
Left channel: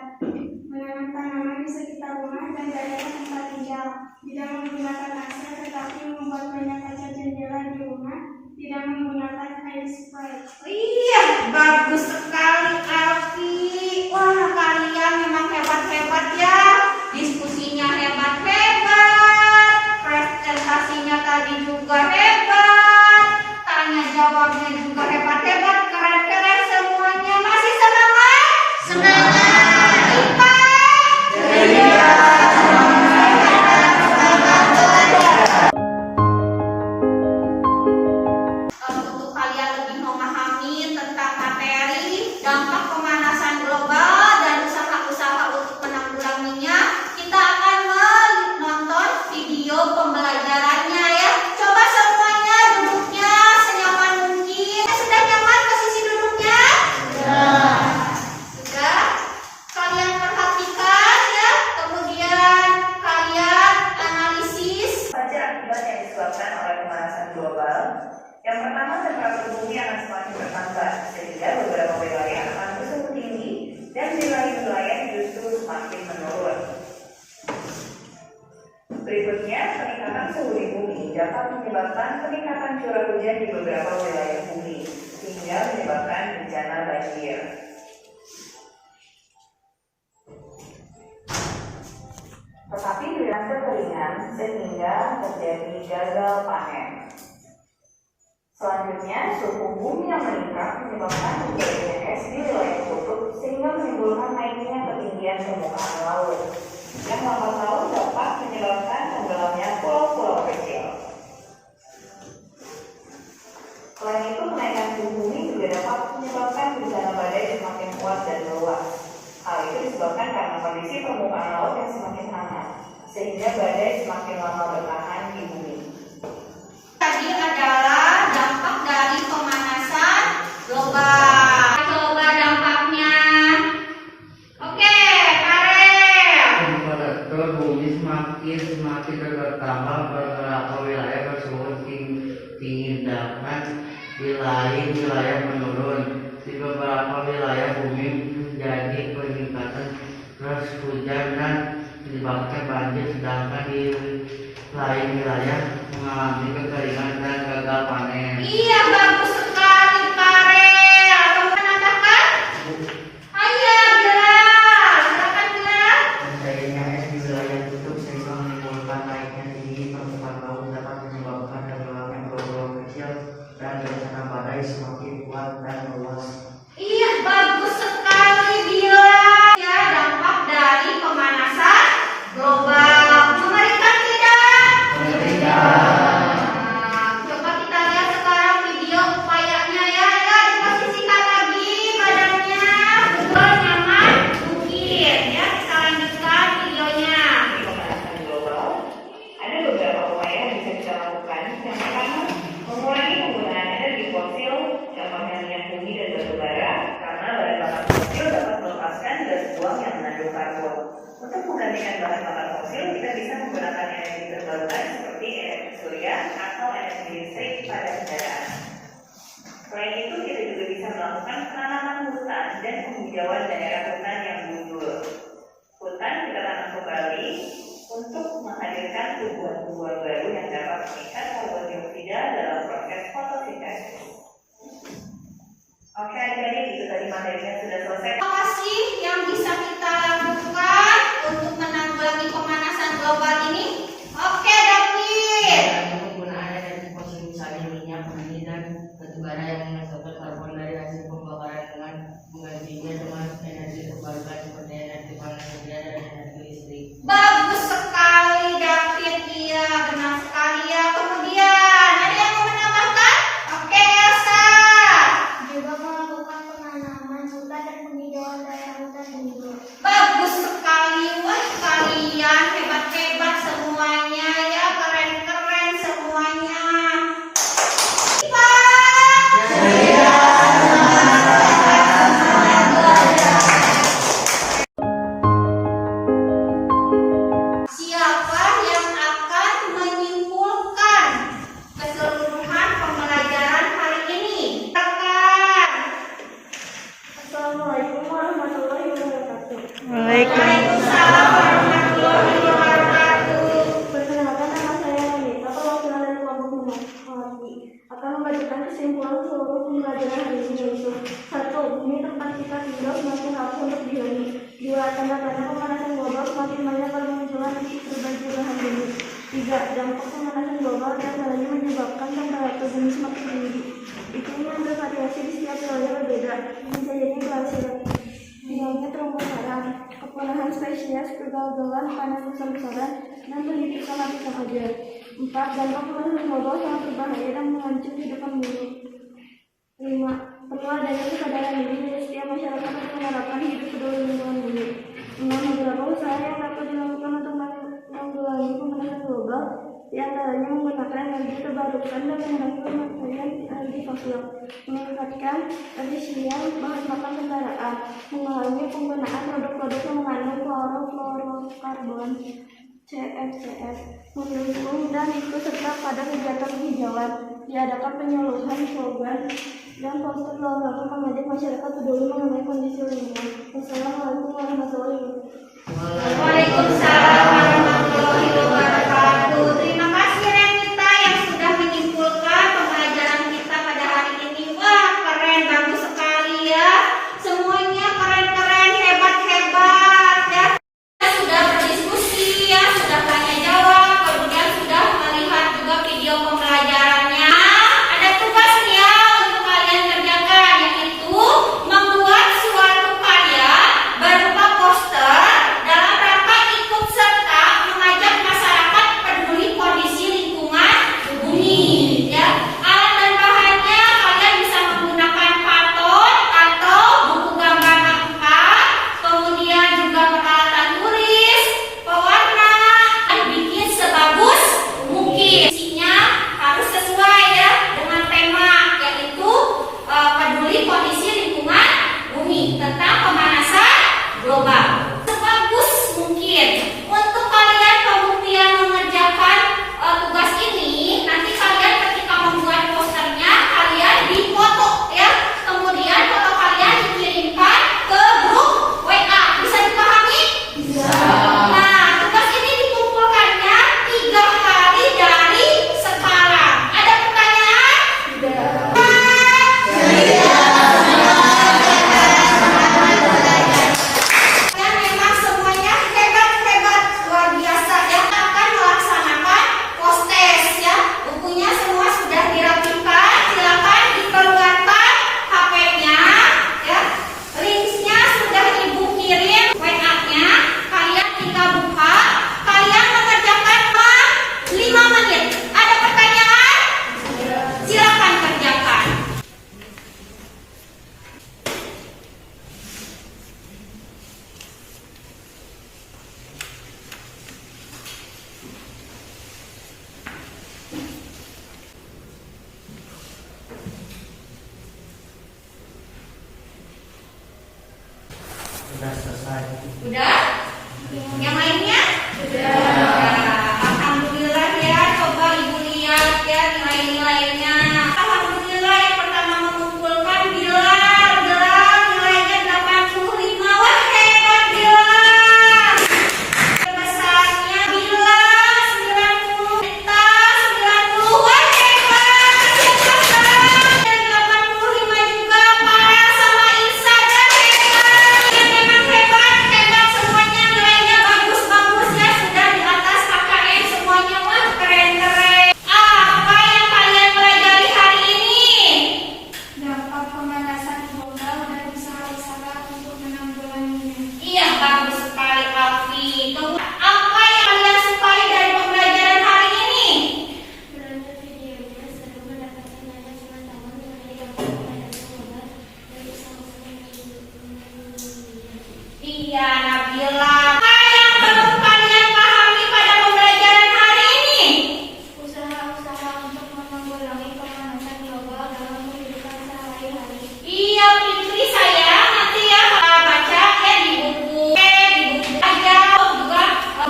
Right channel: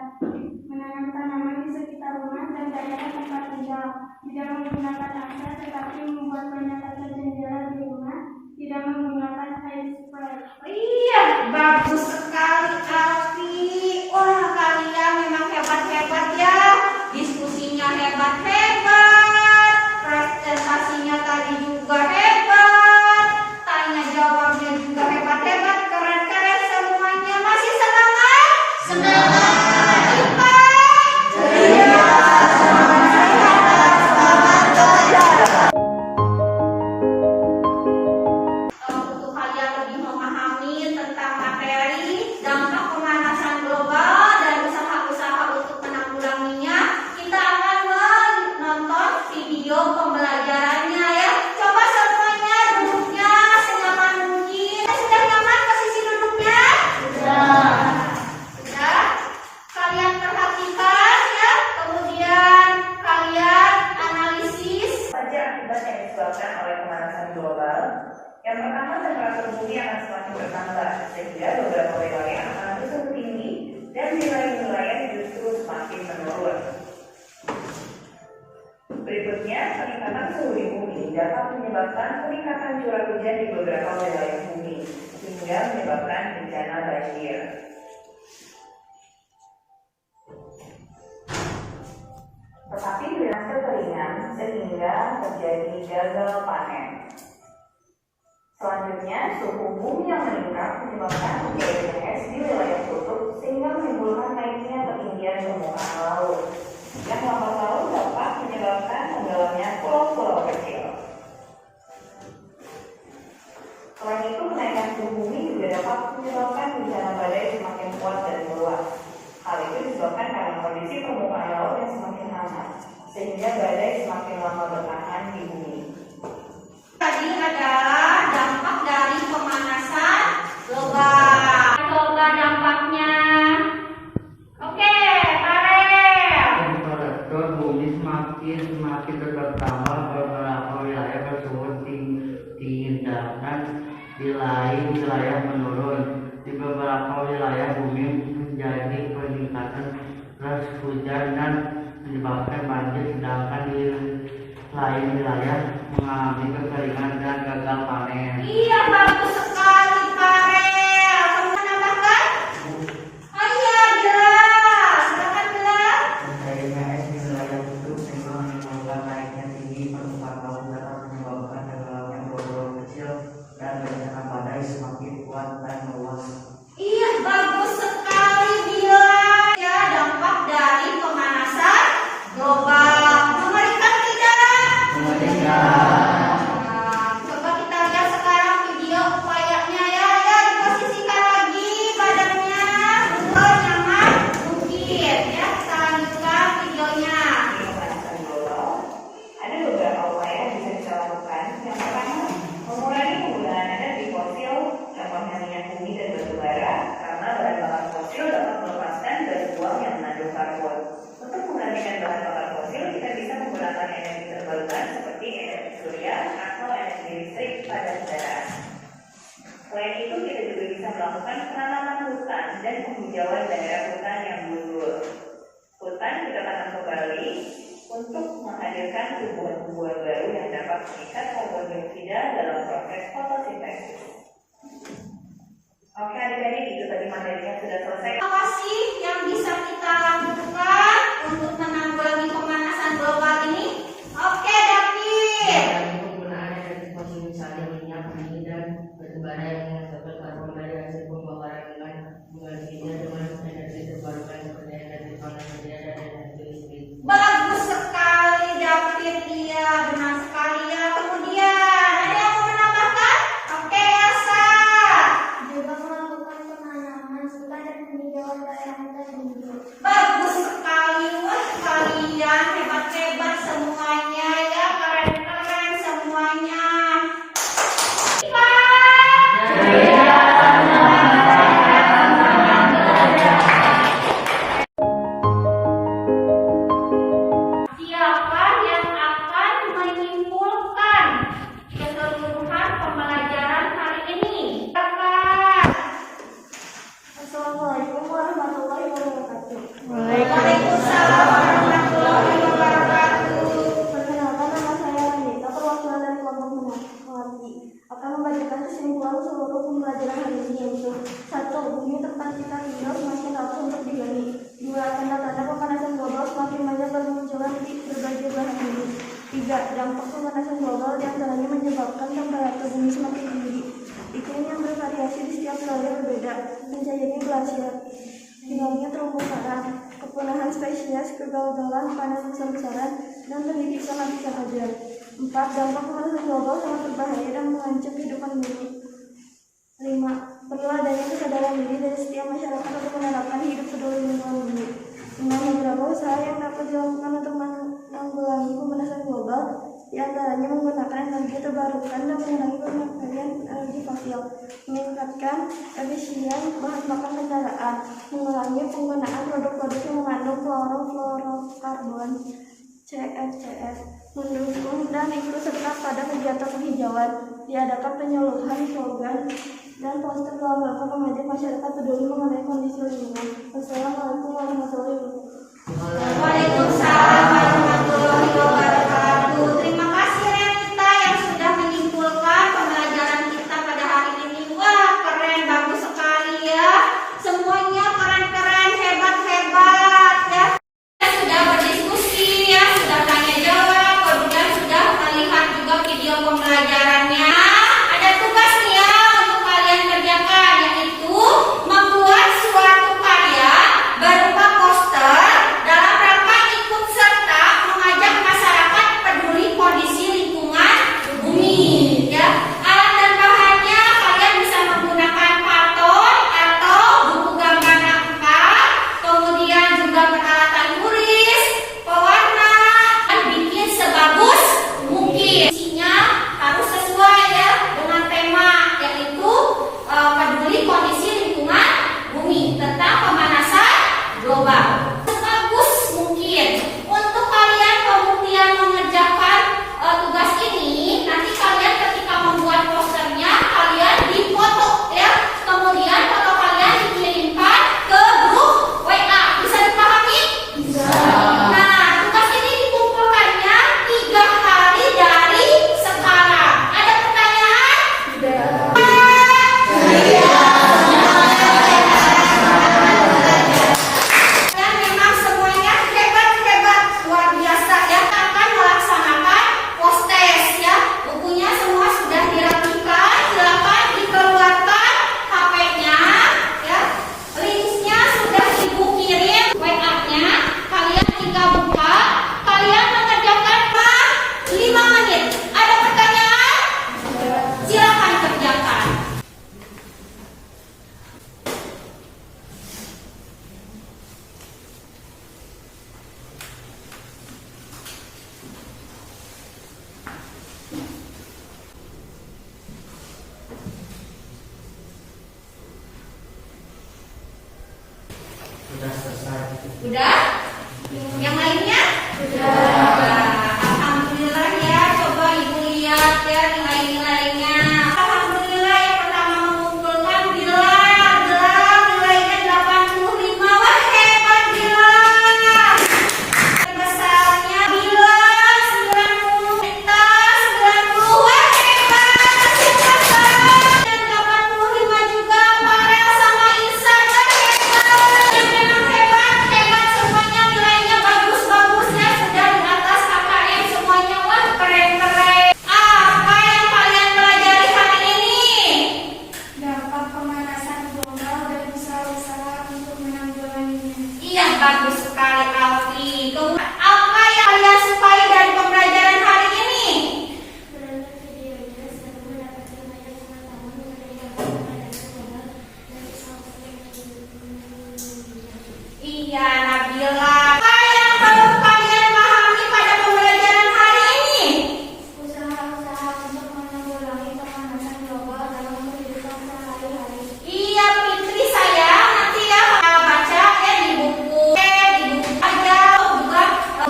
Menanam tanaman di sekitar rumah dan daerah tempat tinggal. Tidak menggunakan AC tetapi membuat banyak kaca jendela di rumah. Tidak menggunakan air spray. Iya, bagus sekali Alfi. Wah, kalian memang hebat-hebat ya. Diskusinya hebat-hebat. Presentasinya tadi juga hebat. Tanya jawabnya juga hebat-hebat. Keren-keren semuanya. Masih semangat? Semangat. IPA. Untuk kalian lebih memahami tentang materi bumi akan semakin bertambah, sehingga beberapa wilayah akan terus tinggi dan wilayah-wilayah justru semakin menurun. Berikutnya, peningkatan suhu di bumi dapat menyebabkan peningkatan curah hujan di beberapa wilayah bumi, sehingga menyebabkan bencana banjir. Tetapi dengan kekeringan sehingga terjadi gagal panen. Selanjutnya, suhu bumi yang meningkat menyebabkan terjadinya es di wilayah kutub sehingga menimbulkan naiknya ketinggian permukaan laut. Yang lambat laut dapat menyebabkan tenggelamnya pulau-pulau kecil. Selain itu, kenaikan suhu bumi juga dapat menyebabkan bencana badai semakin kuat dan meluas. Hal itu disebabkan karena kondisi permukaan laut yang semakin hangat, sehingga badai semakin lama bertahan di bumi. Tadi adalah dampak dari pemanasan global. Coba dampaknya. Oke, Karel. Bumi semakin bertambah, beberapa wilayah bersuhu tinggi dan di lain wilayah menurun. Di beberapa wilayah bumi menjadi peningkatan terus hujan dan menyebabkan banjir, sedangkan di lain wilayah mengalami kekeringan dan gagal panen. Iya, bagus sekali, Karel. Kamu menambahkan? Ayo, Bilal. Silakan, Bilal. Terjadinya es di wilayah kutub sehingga menimbulkan naiknya tinggi permukaan laut dapat menyebabkan tenggelamnya pulau-pulau kecil dan bencana badai semakin kuat dan meluas. Iya, bagus sekali, Bilal. Ya, dampak dari pemanasan global. Mengerikan tidak? Nah, coba kita lihat sekarang video upayanya ya. Ya, diposisikan lagi badannya. Buat nyaman, bukit. Ya, kita lanjutkan videonya. Di pemanasan global, ada beberapa upaya yang bisa kita lakukan. Yang pertama, mengurangi penggunaan energi fosil, contohnya minyak bumi dan batu bara, karena bahan bakar fosil dapat melepaskan gas buang yang mengandung karbon. Untuk menggantikan bahan bakar fosil, kita bisa menggunakan energi terbarukan seperti energi surya atau energi listrik pada kendaraan. Selain itu, kita juga bisa melakukan penanaman hutan dan penghijauan daerah hutan yang gundul. Hutan kita tanam kembali untuk menghadirkan tumbuhan-tumbuhan baru yang dapat mengikat karbon dioksida dalam proses fotosintesis. Oke, adik-adik, itu tadi materinya sudah selesai. Apa sih yang bisa kita lakukan untuk menanggulangi pemanasan global ini? Oke, David. Penggunaan energi fosil misalnya minyak bumi dan batu bara yang menghasilkan karbon dari hasil pembakaran dengan menggantinya dengan energi terbarukan seperti energi panas surya dan energi listrik. Bagus sekali, David. Iya, benar sekali ya. Kemudian, ada yang mau menambahkan? Oke, Elsa. Juga melakukan penanaman hutan dan penghijauan daerah hutan gundul. Bagus sekali. Wah, kalian hebat-hebat semuanya ya. Keren-keren semuanya. Siapa yang akan menyimpulkan keseluruhan pembelajaran hari ini? Silakan. Assalamualaikum warahmatullahi wabarakatuh. Waalaikumsalam warahmatullahi wabarakatuh. Perkenalkan, nama saya Anita, perwakilan dari kelompok Mengerti. Akan membacakan kesimpulan seluruh pembelajaran hari ini, yaitu 1. Bumi tempat kita tinggal semakin rapuh untuk dihuni. 2. Tanda-tanda pemanasan global semakin banyak bermunculan di berbagai belahan bumi. 3. Dampak pemanasan global diantaranya menyebabkan temperatur bumi semakin tinggi. Iklim yang bervariasi di setiap wilayah berbeda, menjadinya glasier, tingginya terumbu karang, kepunahan spesies, kegagalan panen besar-besaran, dan pendidikan lapisan ozon. 4. Dampak pemanasan global sangat berbahaya dan mengancam kehidupan bumi. 5. Perlu adanya kesadaran diri dari setiap masyarakat untuk menerapkan hidup peduli lingkungan bumi. 6. Beberapa usaha yang dapat dilakukan untuk menanggulangi pemanasan global, diantaranya menggunakan energi terbarukan dan mengurangi pemakaian energi fosil, meningkatkan efisien bahan bakar kendaraan, mengurangi penggunaan produk-produk yang mengandung fluorofluorokarbon, CFCF mendukung dan ikut serta pada kegiatan penghijauan, diadakan penyuluhan slogan dan poster dalam rangka mengajak masyarakat peduli mengenai kondisi lingkungan. Wassalamualaikum warahmatullahi wabarakatuh. Waalaikumsalam warahmatullahi wabarakatuh. Terima kasih Renita yang sudah menyimpulkan pembelajaran kita pada hari ini. Wah, keren, bagus sekali ya. Semuanya keren-keren, hebat-hebat ya. Sudah berdiskusi ya, sudah tanya jawab, kemudian sudah melihat juga video pembelajarannya. Ada tugas nih ya untuk kalian kerjakan, yaitu membuat suatu karya berupa poster dalam rangka ikut serta mengajak masyarakat peduli kondisi lingkungan bumi ya. Alat dan bahannya kalian bisa menggunakan karton atau buku gambar A4, kemudian juga peralatan tulis, pewarna, dan bikin sebagus mungkin. Isinya harus sesuai ya dengan tema, yaitu peduli kondisi lingkungan bumi tentang pemanasan global. Sebagus mungkin. Untuk kalian kemudian mengerjakan tugas ini, nanti kalian ketika membuat posternya kalian difoto ya. Kemudian foto kalian dikirimkan ke grup WA. Bisa dipahami? Bisa. Nah, tugas ini dikumpulkannya 3 hari dari sekarang. Ada pertanyaan? Dan memang semuanya hebat-hebat, luar biasa ya. Akan melaksanakan postes ya. Bukunya semua sudah dirapikan. Silakan dikeluarkan HP-nya ya. Linknya sudah ibu kirim WA-nya. Kalian tinggal buka. Kalian mengerjakan 5 menit. Ada pertanyaan? Silakan kerjakan. Sudah selesai. Udah? Yang lainnya? Sudah. Alhamdulillah ya. Coba ibu lihat ya nilai-nilainya. Alhamdulillah yang pertama mengumpulkan Bilal nilainya 85. Wah, hebat Bilal. Besarnya Bilal 90, Eta 90. Wah, hebat. Dan 85 juga Farel sama Isa, dan hebat. Memang hebat semuanya, nilainya bagus-bagus ya, sudah di atas KKM semuanya. Wah, keren-keren. Apa yang kalian pelajari hari ini? Dampak pemanasan global dan usaha-usaha untuk menanggulanginya. Iya, bagus sekali Alfi. Apa yang kalian sukai dari pembelajaran hari ini? Berlanjut videonya, seru mendapatkan banyak pengetahuan mengenai dampak pemanasan global dan usaha-usaha menanggulanginya. Iya, Nabila. Apa yang perlu kalian pahami pada pembelajaran hari ini? Usaha-usaha untuk menanggulangi pemanasan global dalam kehidupan sehari-hari. Iya, Fitri sayang, nanti ya baca ya di buku aja, juga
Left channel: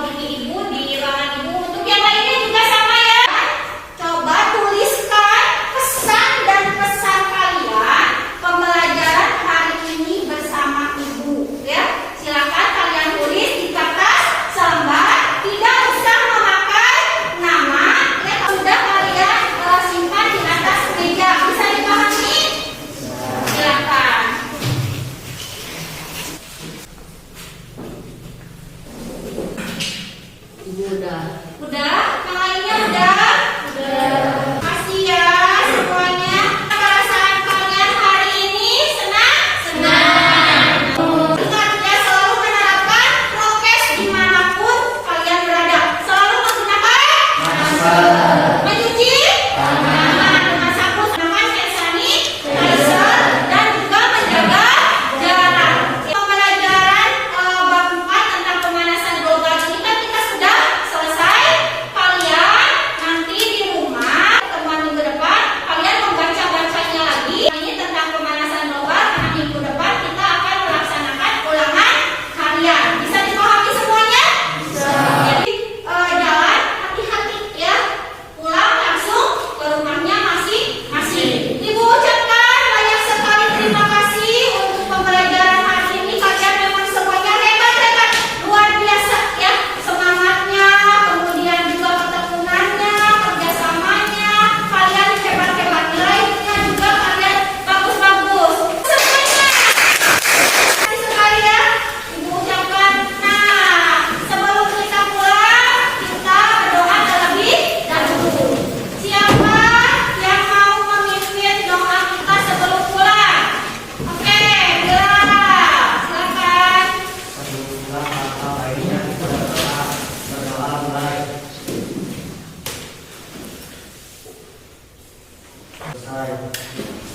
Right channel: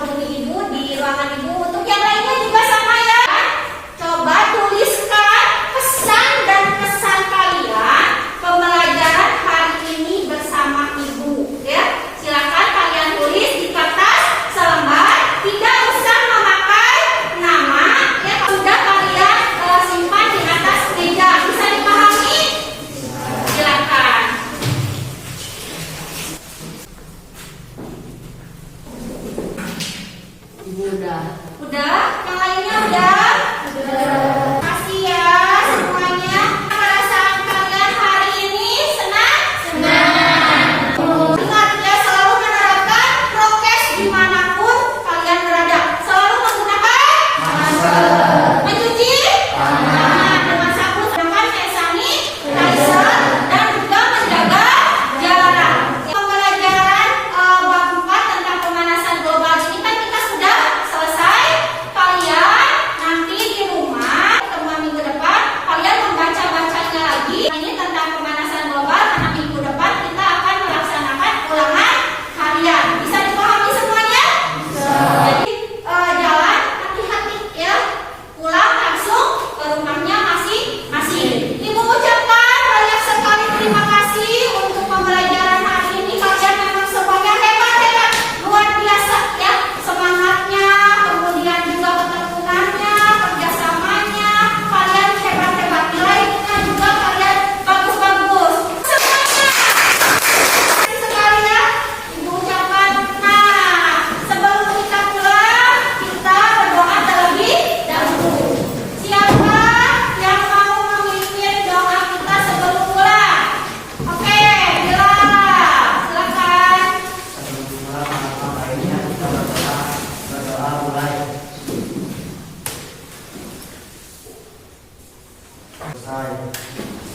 bunyi ibu di ruangan ibu. Untuk yang lainnya juga sama ya. Coba tuliskan pesan dan kesan kalian pembelajaran hari ini bersama ibu ya. Silakan kalian tulis di kertas selembar, tidak usah memakai nama ya. Sudah kalian simpan di atas meja. Bisa dipahami? Silakan. Ibu udah. Udah? Yang lainnya udah? Udah. Makasih ya semuanya. Perasaan kalian hari ini senang? Senang. Ingat ya, selalu menerapkan prokes dimanapun kalian berada. Selalu menggunakan masker. Mencuci tangan dengan sabun dengan hand sanitizer dan juga menjaga jarak. Pembelajaran bab 4 tentang pemanasan global ini kan kita sudah selesai. Kalian nanti di rumah pertemuan minggu depan kalian membaca-bacanya lagi. Ini tentang pemanasan global, karena minggu depan kita akan melaksanakan ulangan harian. Bisa dipahami semuanya? Bisa. Jadi Selesai.